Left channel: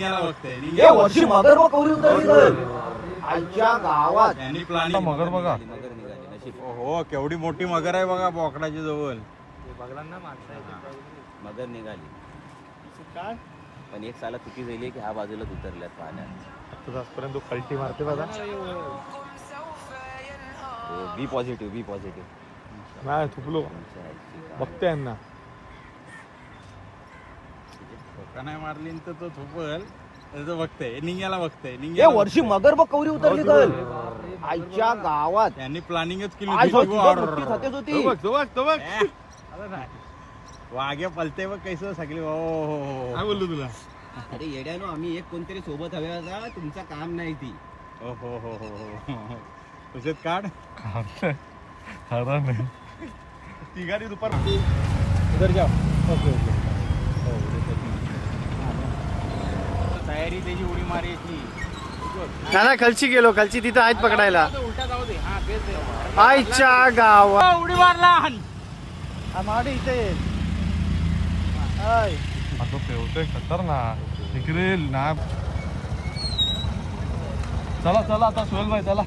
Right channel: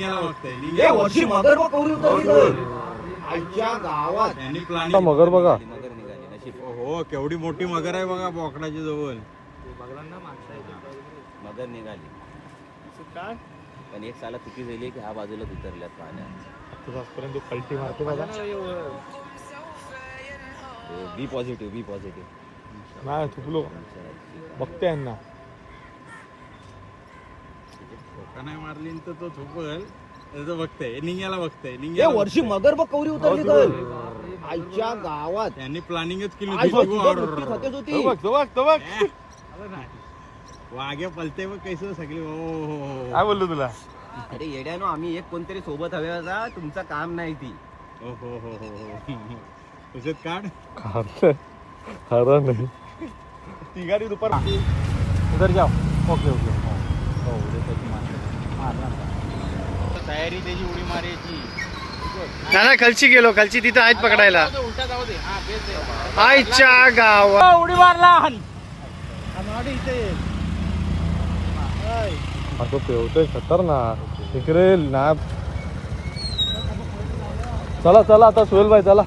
याला बघतोय या वर्षी मगर बघ कवरी उतरली आईच्या गावात. त्यांनी प्लॅनिंग मगर बघा. मगर निघाली नशीब. हो केवढी मोठी मगर आहे बघा बोकडाच्या जवळ. मगर निघाली काय पण एक साला चुकी झाली की ह्या बाजूलाच उतरल्यात पाण्यात. आजपर्यंत तो कल्टी मारते बघा. बी पॉझिटिव्ह नाही थुकलो बघते यांना. ठोका नाही मारली तर तो झोपल त्याचं बघतोय निघायला बघतोय या निघाला वर्षी मगर बघ कवरी उतरली आईच्या गावात. त्यांनी प्लॅनिंगच केली आई होती. स्वतः मोठी खातेच होती. तो बघ वाघ्या पलते बघ कैस सगळी. हो काय बोललो तुला. अरे येड्यानो आम्ही एक कोणतरी सोबत हवे होता. तुमचं काम नाही ती. हो हो हो हो हो तुझ्यात काढ हरण तिघारी दुपार इधर जाओ. Okay okay. तयारी त्याची उडी मारायची. नाही खालची गेलो खालची तिथं आहेत पकडायला. उलटा जाऊ दे. हा बेस आहे. आईच्या गावात उडी मारला. तो पेवतोय खतरनाक. तिकडे ना चला चला आता सोहेल भाई चला.